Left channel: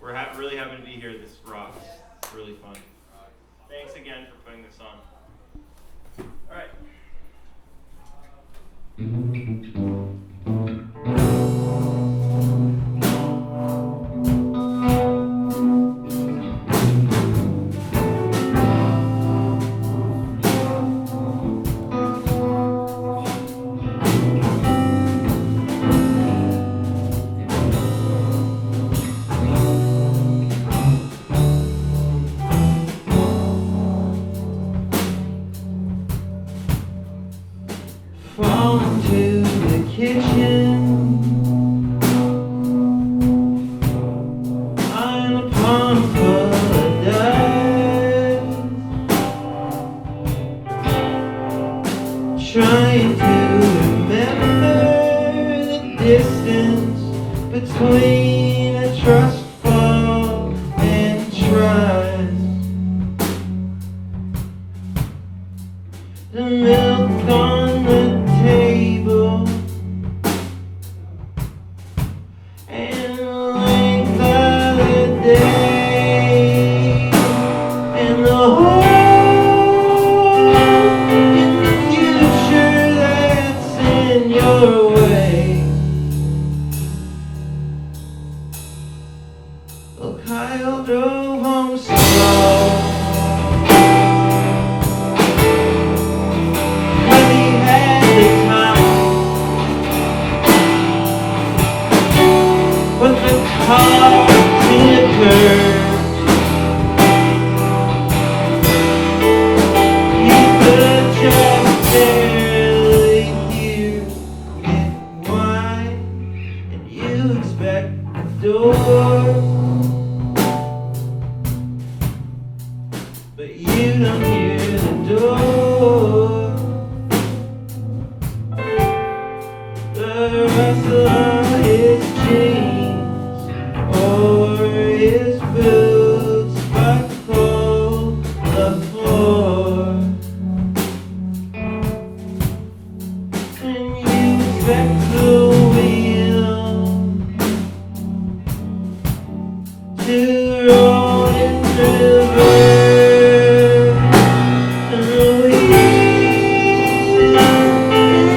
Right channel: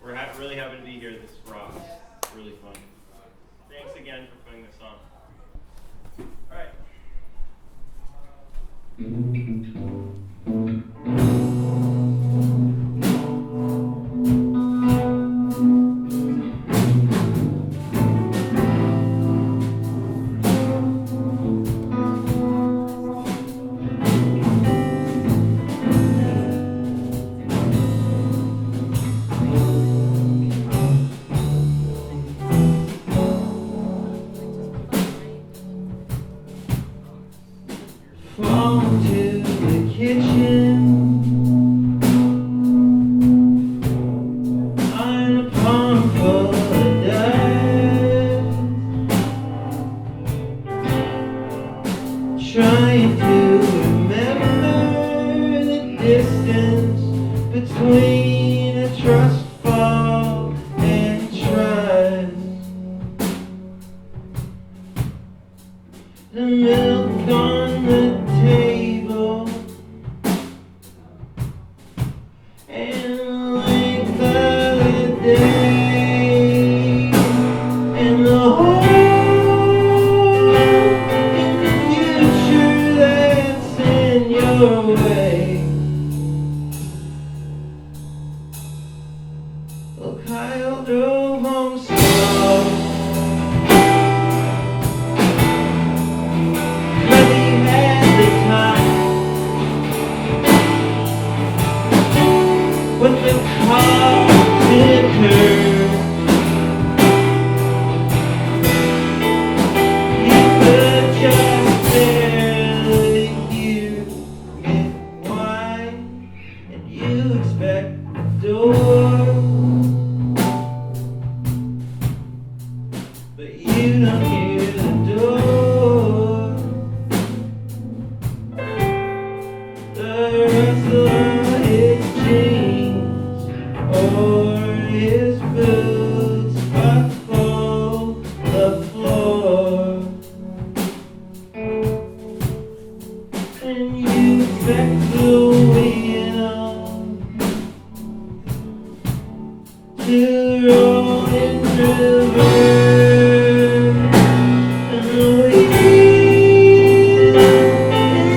We're really happy to be here. This rocks. It's really fun. Thanks again for putting this on. All right. Fall into the kitchen on a pond full of dust, trying to remember the distance between a trust fall and trust. The milk on the table and the length of the day and the hole in the future that's in your way. Well, Kyle drove home slow. But the car tinkered. You could just barely hear it whine, and you expect the door, but you don't hear the door. The rustle of his jeans or his boots buckle the floor, and you expect the wheel to roll in reverse, and the wheel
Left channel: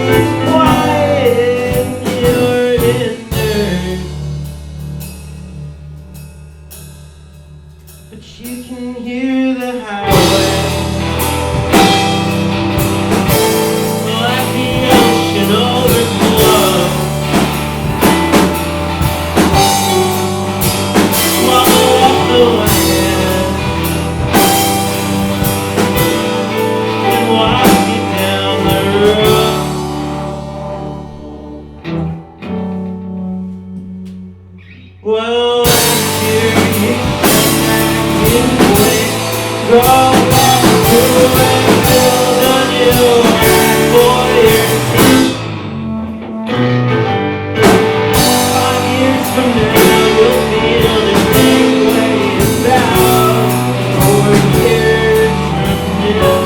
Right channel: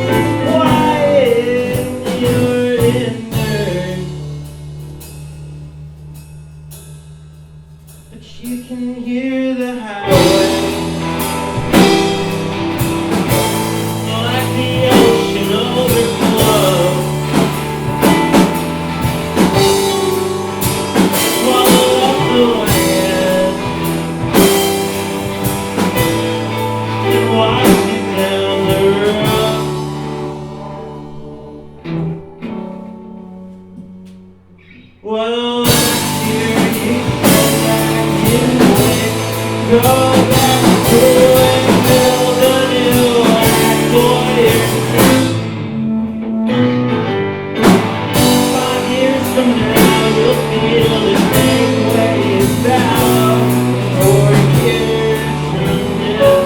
is quiet and you're inert, but you can hear the highway like the ocean overflow. Swallow up the land and wash you down the road. Well, last year you said that you would go back to and build a new life for yourself. 5 years from now you'll feel the same way about 4 years from now.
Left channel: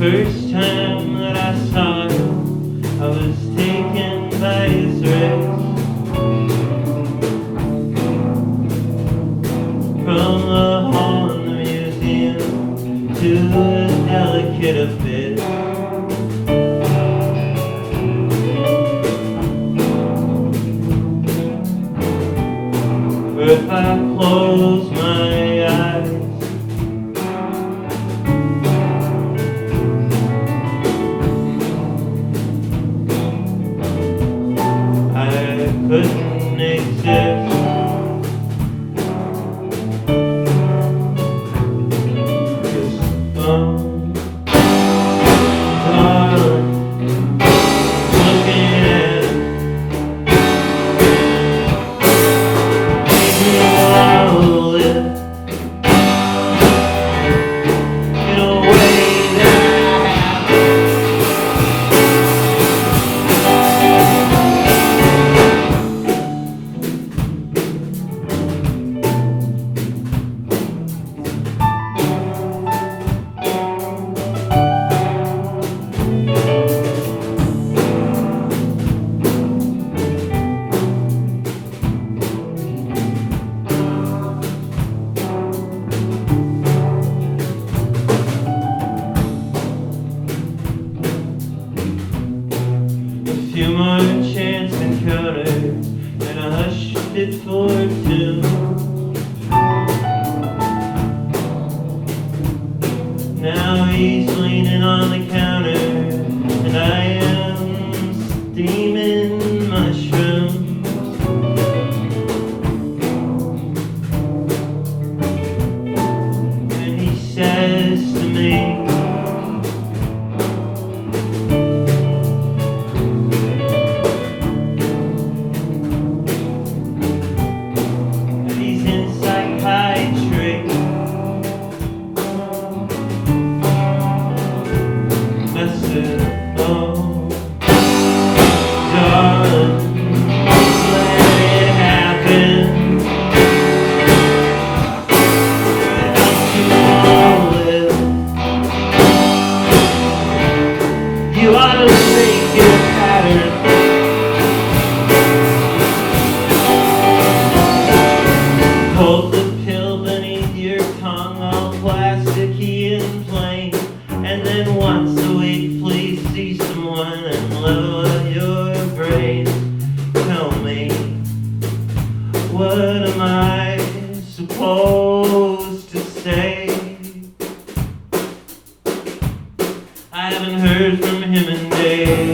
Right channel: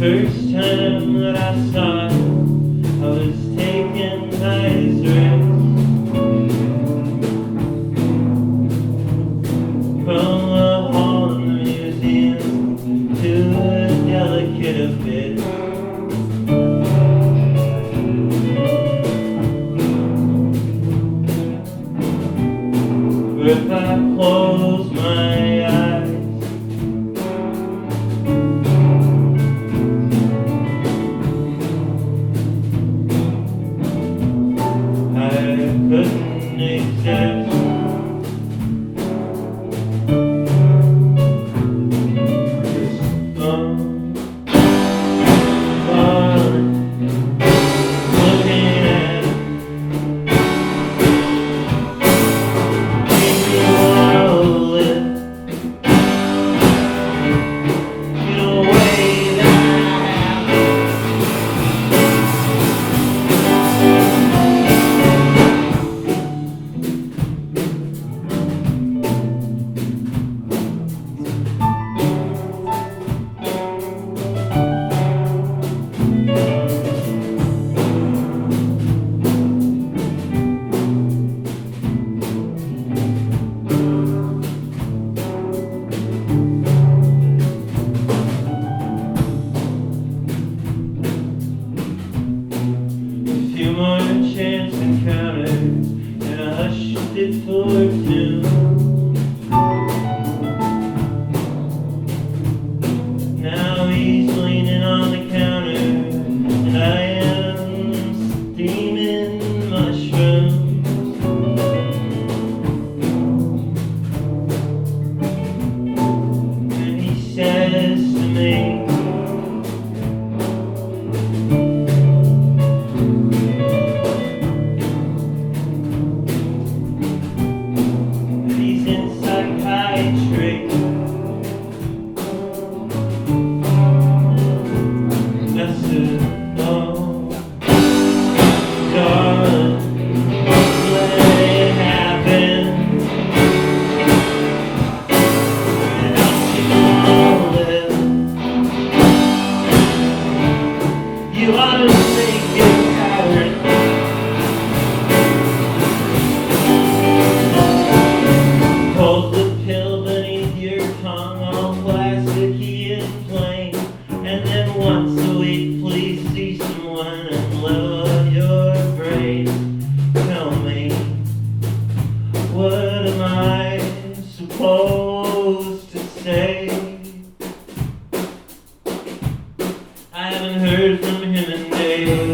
first time that I saw him, I was taken by his race. From the hall in the museum to a delicate abyss. If I close my eyes, I couldn't exist. Darling, looking at few more chance encounters, and I hushed it for two. Now he's leaning on the counter, and I am steaming mushrooms. And he says to me, oh, darling, let it happen. Help you all live. You ought to make it pattern. Hold the pill beneath your tongue, all plasticky and plain, and then once a week please see someone and lower your brain. Tell me, what am I supposed to say? I haven't heard from him in days.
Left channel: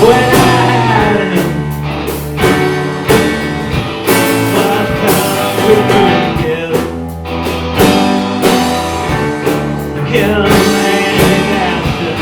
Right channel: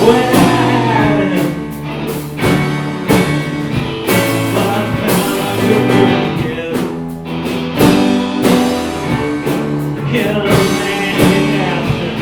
when I had him. But I found I couldn't give. Kill a man in action.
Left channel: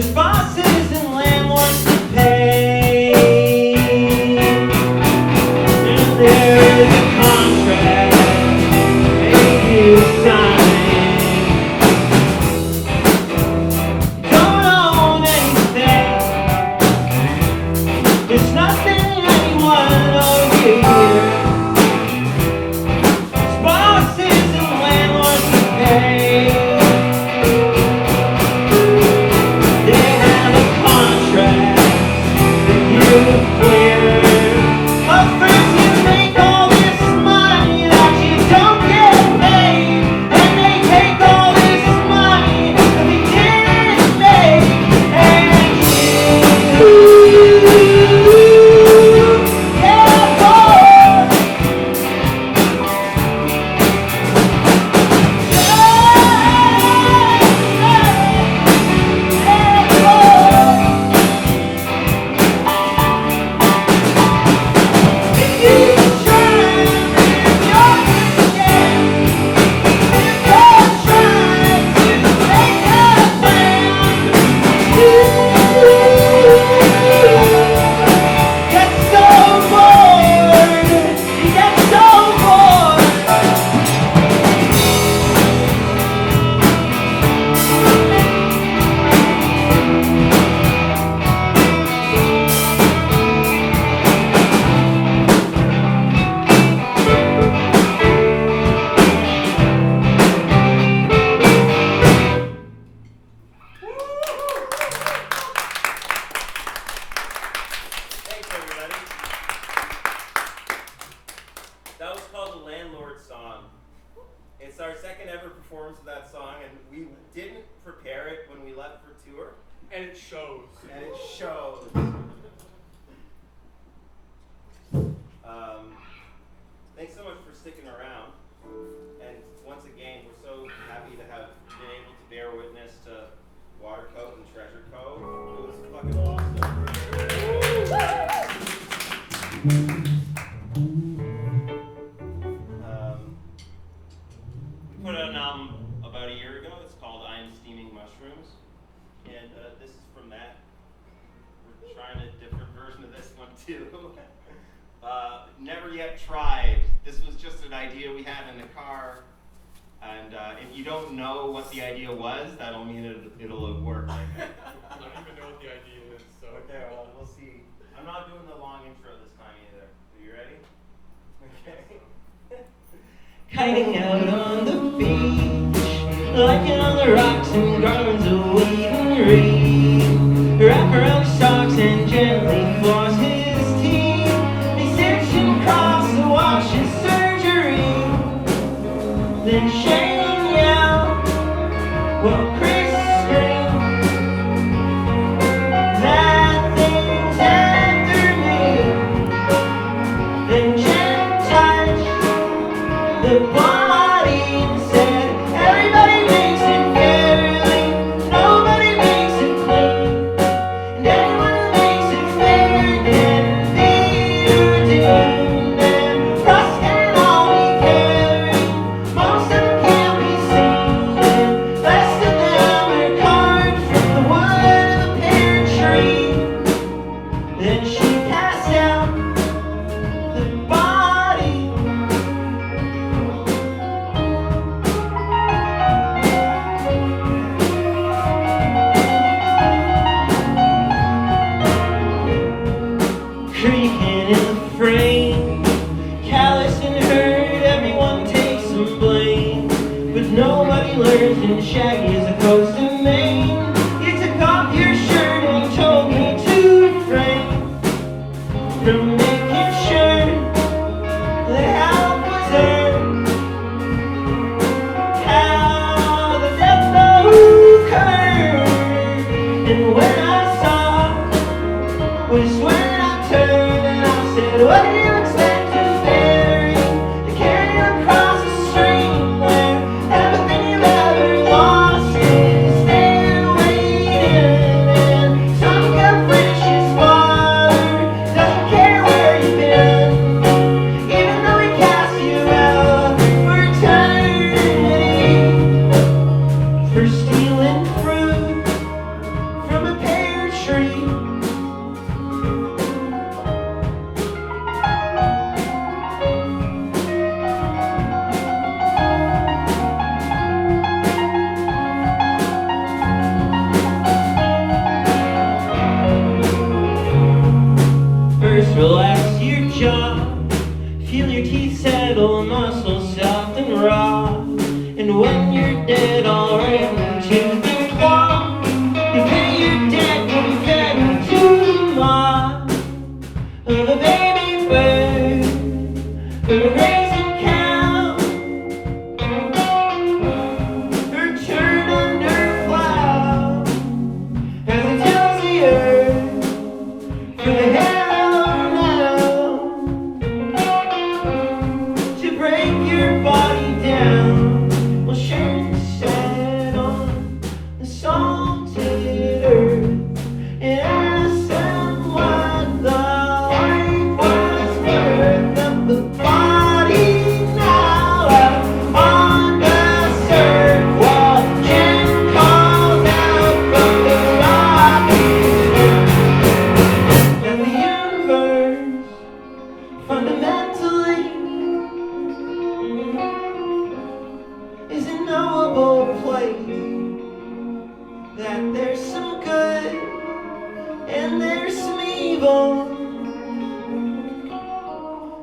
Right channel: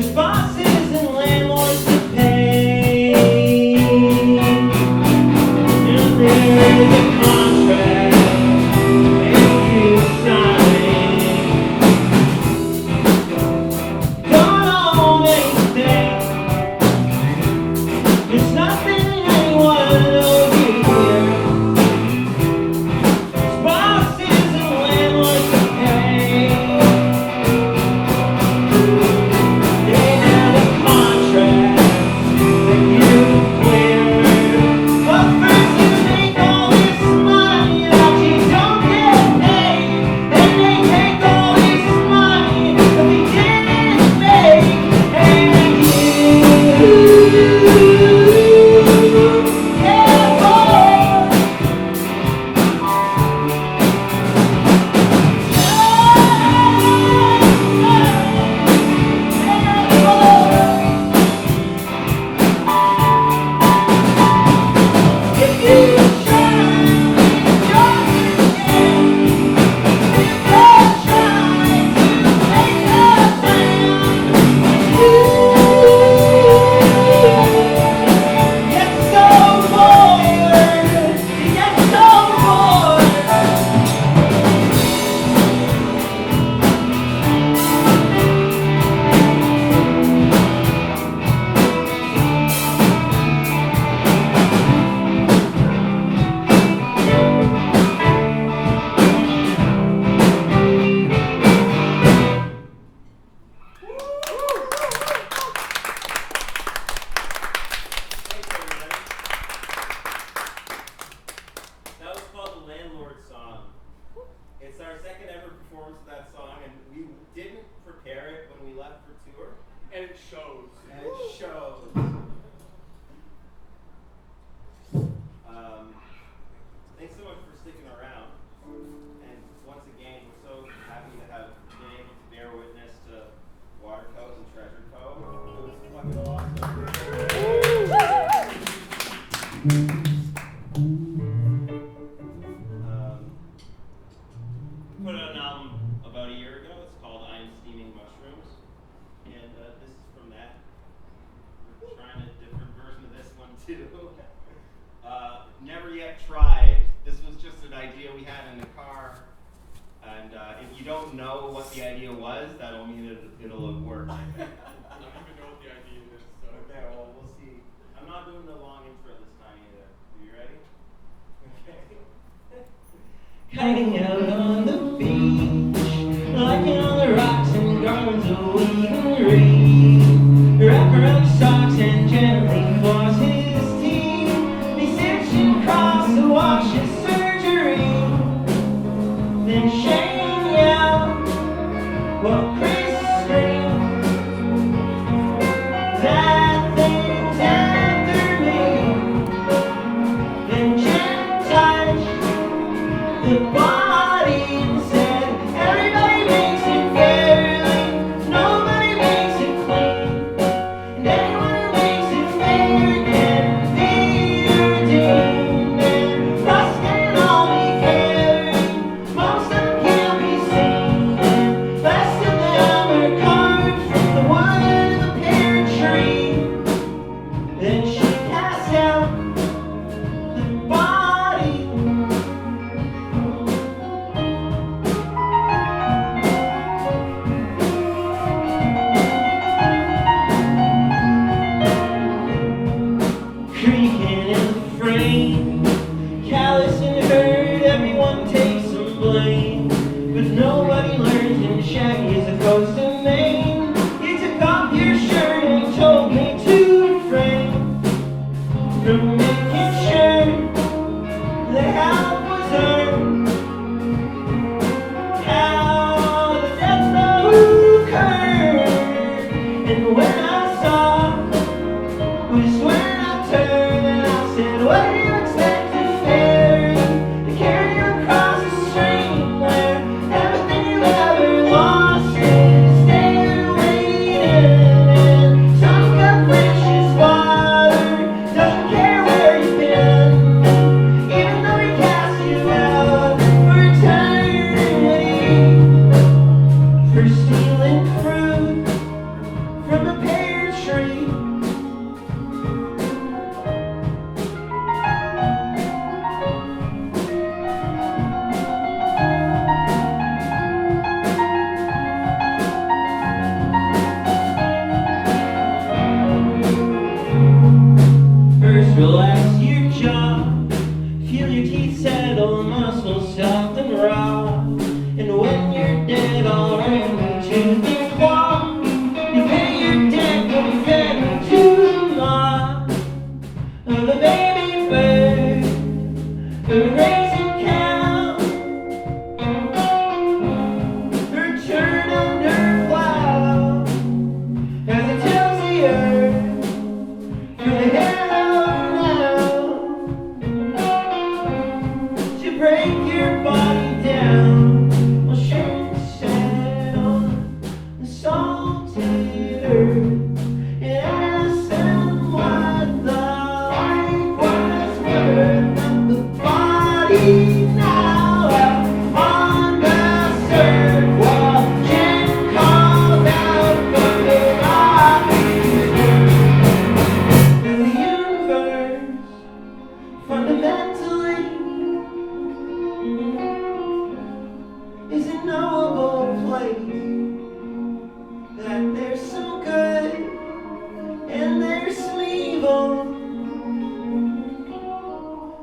There's bosses and landlords to pay. And there's a contract make you sign. Don't own anything. There's nothing anyone owes you here. There's bosses and landlords to pay. They have a contract that you clear. But first you make all this money that you don't get paid. And they take all this money that you didn't make. And you have more. Thanks, everybody. That was called The Landlord Song. It's our second ever performance of that song, and we didn't prepare it when we left for tour, And it shows. and it shows. Thanks so much for sticking around. And once again, we're so happy to have been able to bear witness to Watercoat and Treasure Cove. It was fucking awesome. We put out an album about a year ago. It's called I Am Steaming Mushrooms. And this is from that. We're trying a different version of this one too. Never yet tried. This was just an idea we had in the car. And if you don't know what the idea was, that'll mean it'll have worked. I don't even know what the idea is, so. Okay, well, we'll see. I'm not doing the long intro this time either. Are you ready? Okay. Kiting out on the beach, liking on the rocks and garlands of weed and reed. Wrap around his socks and gently floss his teeth. He sits and cross to wash his surgery. Then shame out while Chris screams that thing's after me. Then Jen touched the body and said, everybody makes it fairly, nobody makes it clean. And anyone who makes it fair can be redeemed. And rust can all be carried, most of them can't be seen. And best of them are carved from the wood of the parent tree. Then she passed out the body. Creaking in the frame, callous and hurt, everyone takes some blame. But nobody learns in Shaggy as opposed to Maine. You took off your shirt and told me to refrain from making sure that help was earned. How the death occurred, and when I saw was when I turned and I said, what do you expect to ferry to carry you across the stream where everything you've ever lost is there waiting? And some good precious water doesn't care where you've been, even though we cast you out for eternity, for stealing fruit from a relax your jaw. Feel your teeth settle, muscles soft and raw. And when you're dead, I'll rip into the claw. You pay your debt when you fed into the maw of a baby bird, a raising cow. Her turn under plow as it tells the earth for the hell now to break your body down. We'll share the sand on the salted earth and ask them what the life was worth of the body now out on the surf while Jen calls out from the rocky and the universe fundamentally is a knowable place, that there's some good and there's some evil,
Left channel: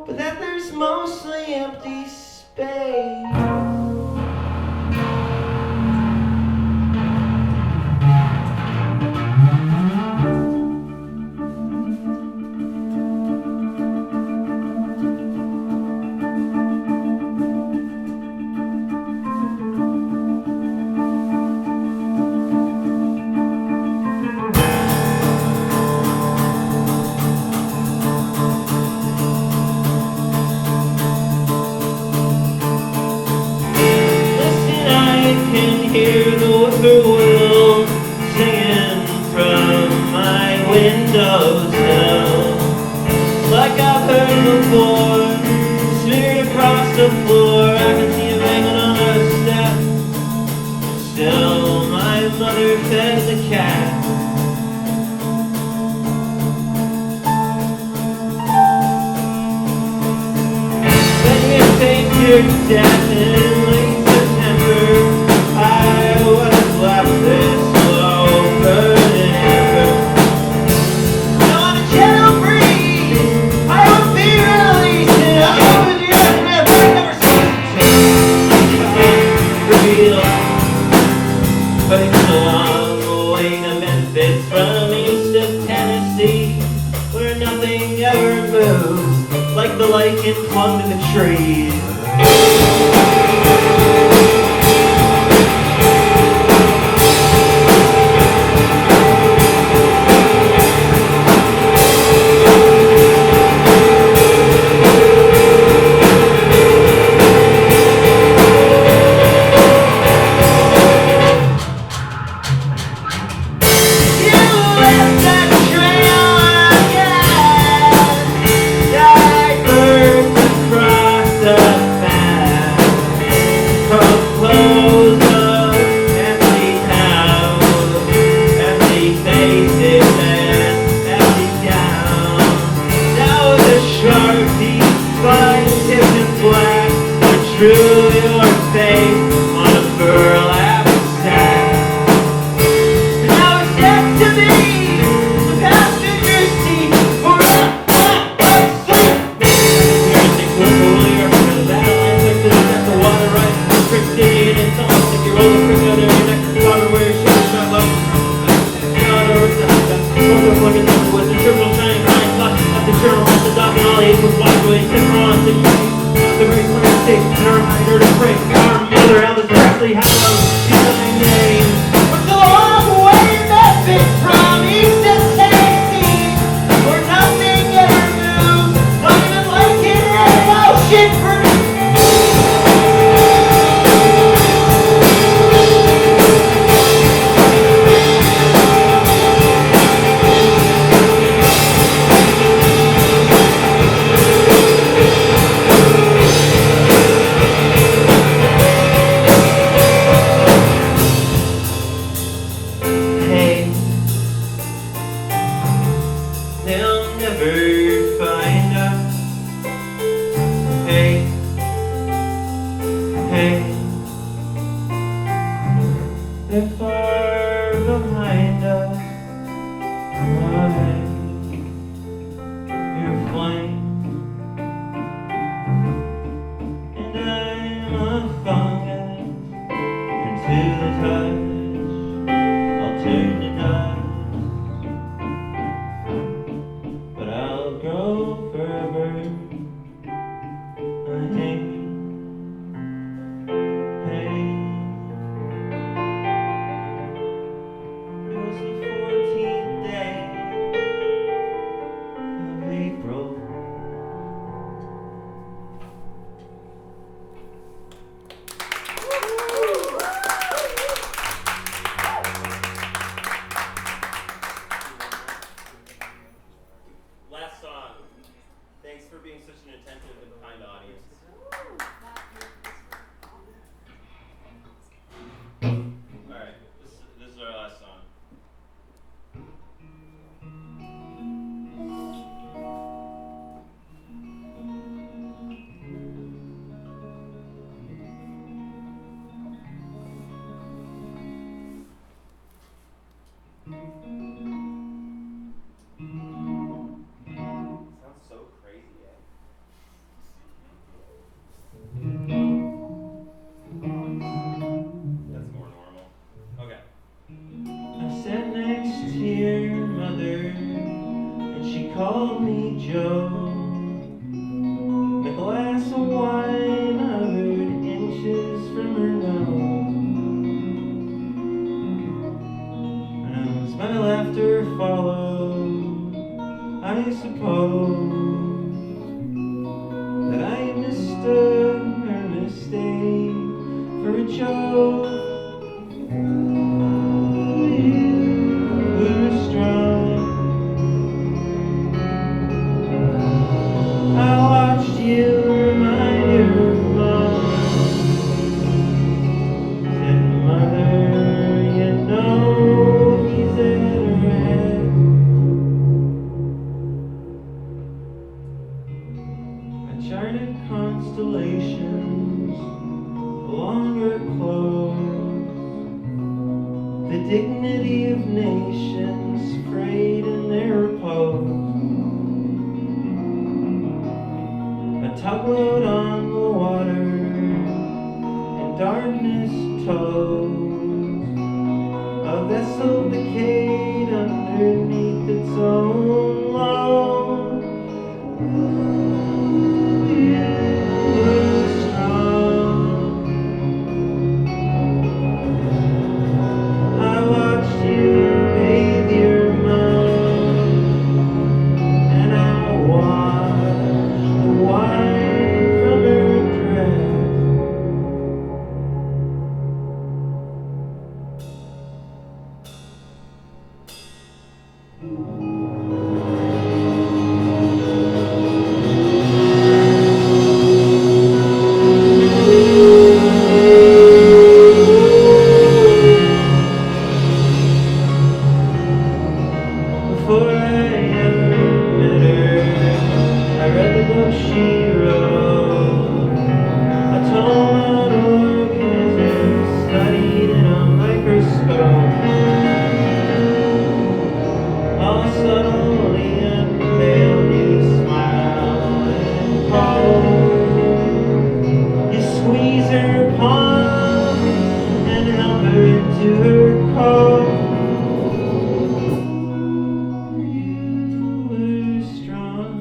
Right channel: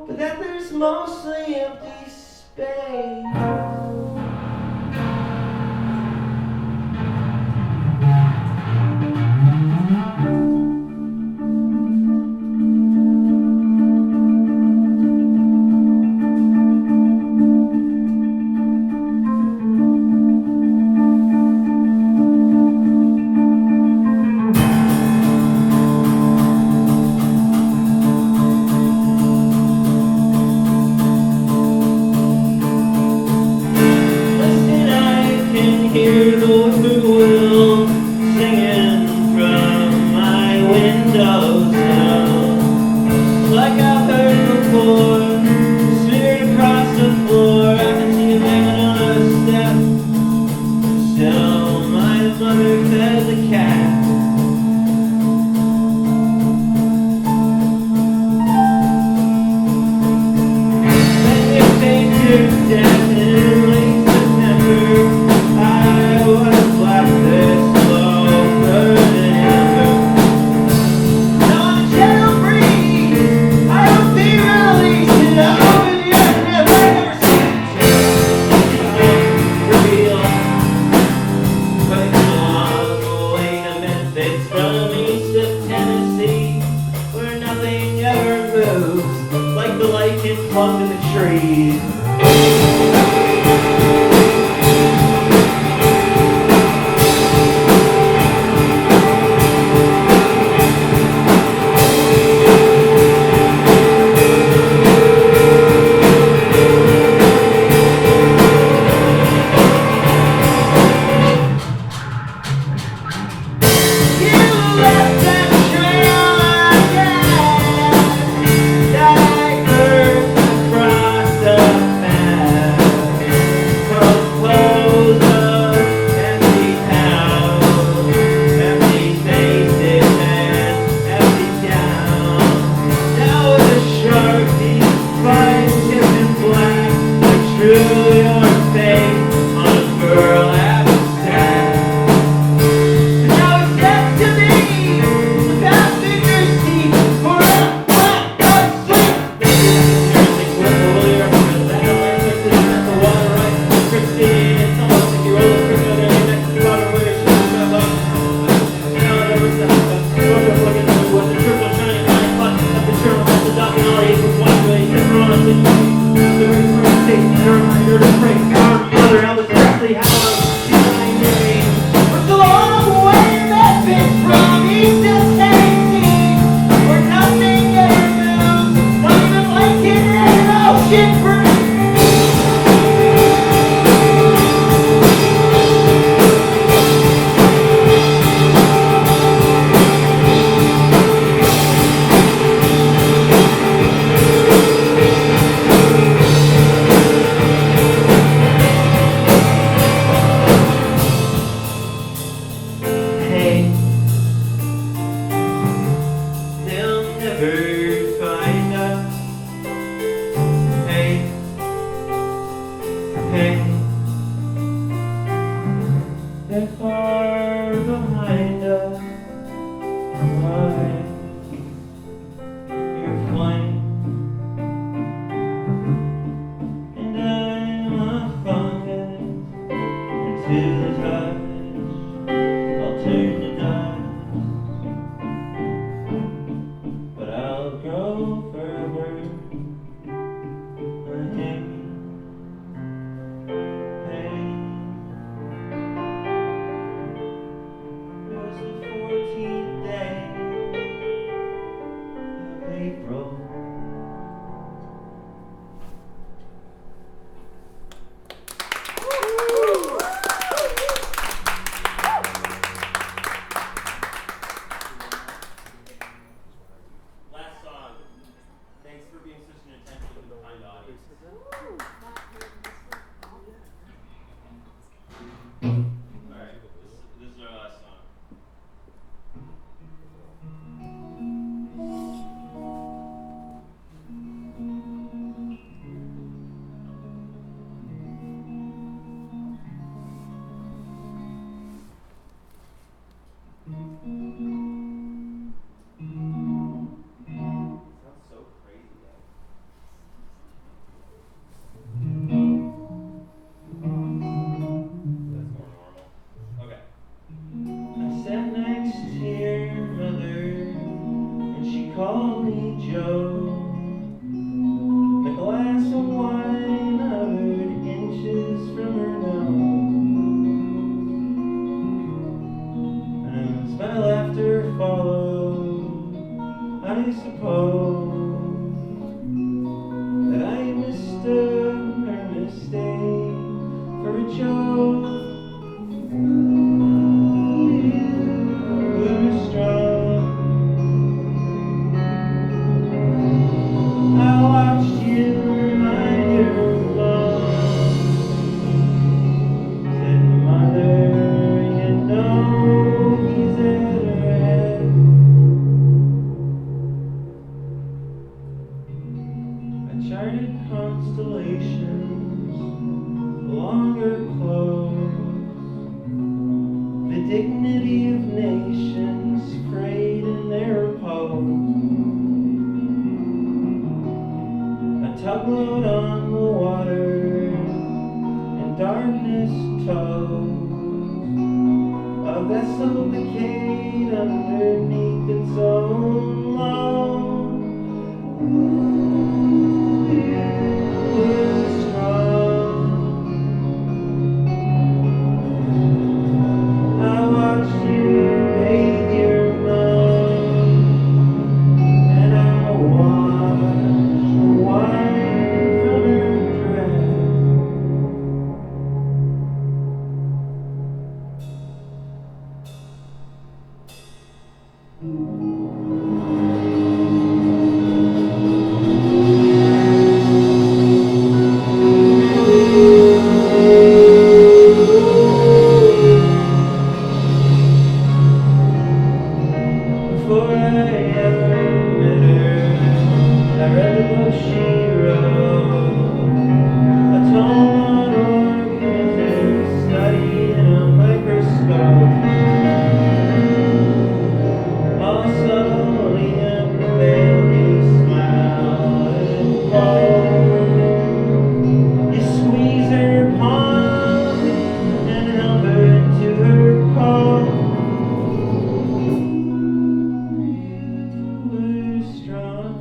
but that there's mostly empty space. Listen, I can hear the whippoorwill singing from my windows now. Like I've heard before, smeared across the floor, I can see it hanging on a step. Still, my mother fed the cat. When you take your death in late September, I would have left this over than ever. Now on a gentle breeze, I would be released and I would never seen real. But it's a long way to Memphis from east of Tennessee, where nothing ever moves like the lichen clung to the trees. You left that trail again, diapers across the path, clothes of empty house, empty faces and empty town. Now with a Sharpie, fine tipped in black, I drew your face on a burlap sack. Now it's next to me, the passenger's seat for a sleep. Music with the lyric for the battle and victory at the water right. Christine, it's almost like you're older for the other next to the water where your shoes are low. Now there was the looking over with the terminal shining bright spot at the terminal at the dock and all eight was wide away. Except for on the very first state, and a reminder to pray. Our mother, Elvis Presley, had a my name. It's a long way to Memphis from east to Tennessee, where nothing ever moves, not even Lincoln and ocean breeze. Hey, they'll never find us. Hey, hey, they're far behind us. Why? You're turn to dust, but I'll grow forever. Hey, hey. It was the 14th day of April. Last song. Thanks for being such an attentive and kind audience. Alright, this is our last song. Sounds so crazy. That's more normal. Okay. I sat next to your mother, and she called me Joe. The glass of wine hovered inches from her nose, and as my laughter followed, I suppose that I mistook her mistake for a joke. I watched you remind your mom. Said, Mother, you know he's at her head. I charted constellations along her clothes. The dignity of nations frayed in their repose. A tugboat on the water, and darkness tows. A vessel decayed underneath its own load. Ooh, you were strong. I watched you bathe your mom, and I watched the wine from her dress. Before I ever met her, I read the book she wrote, a tome on organisms studied in a microscope. All subtly unveiled, you smile and hope. You squeeze her palm and help her to her coat. Strong.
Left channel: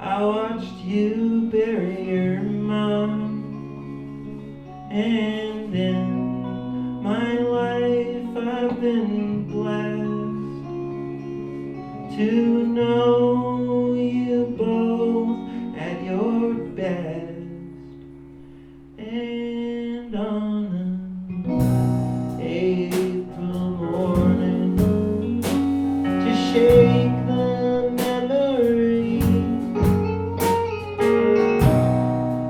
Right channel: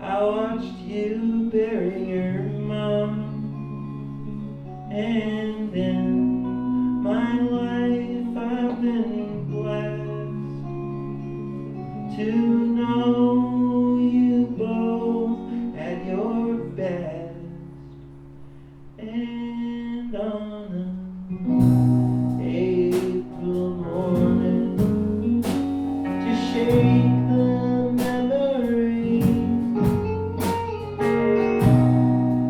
I watched you bury your mom, and in my life I've been blessed to know you both at your best. And on an April morning, to shake the memory,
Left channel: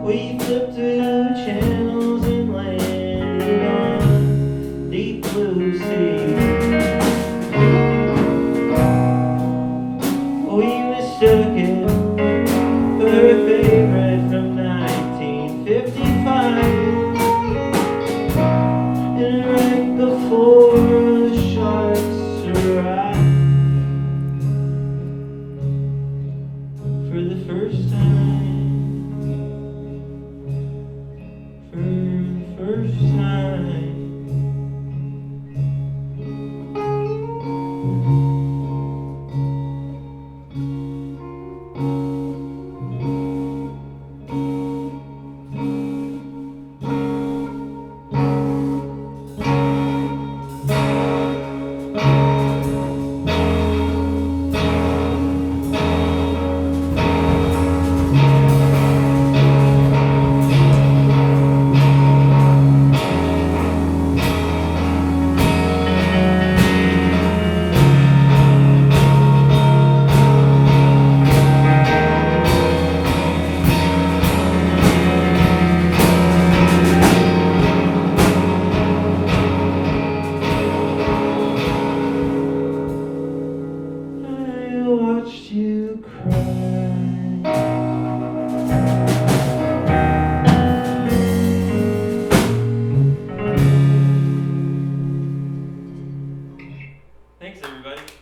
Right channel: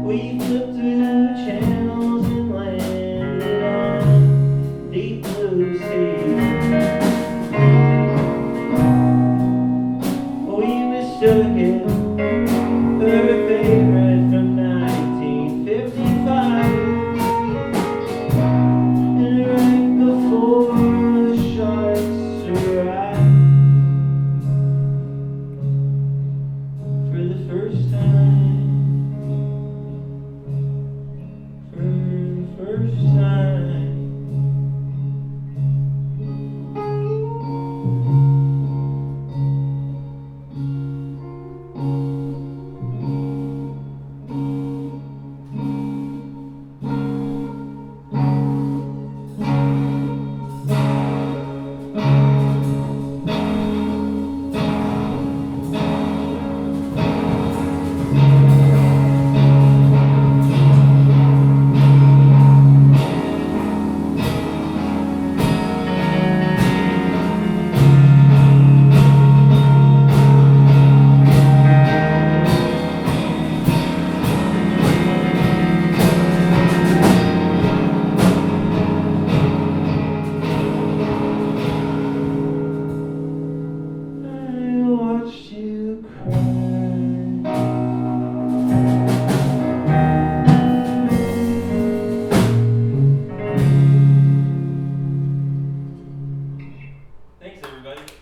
we flipped through channels and landed on deep blue sea. We mistook it for a favorite from 1955, and right before the sharks arrived, for the first time, for the first time.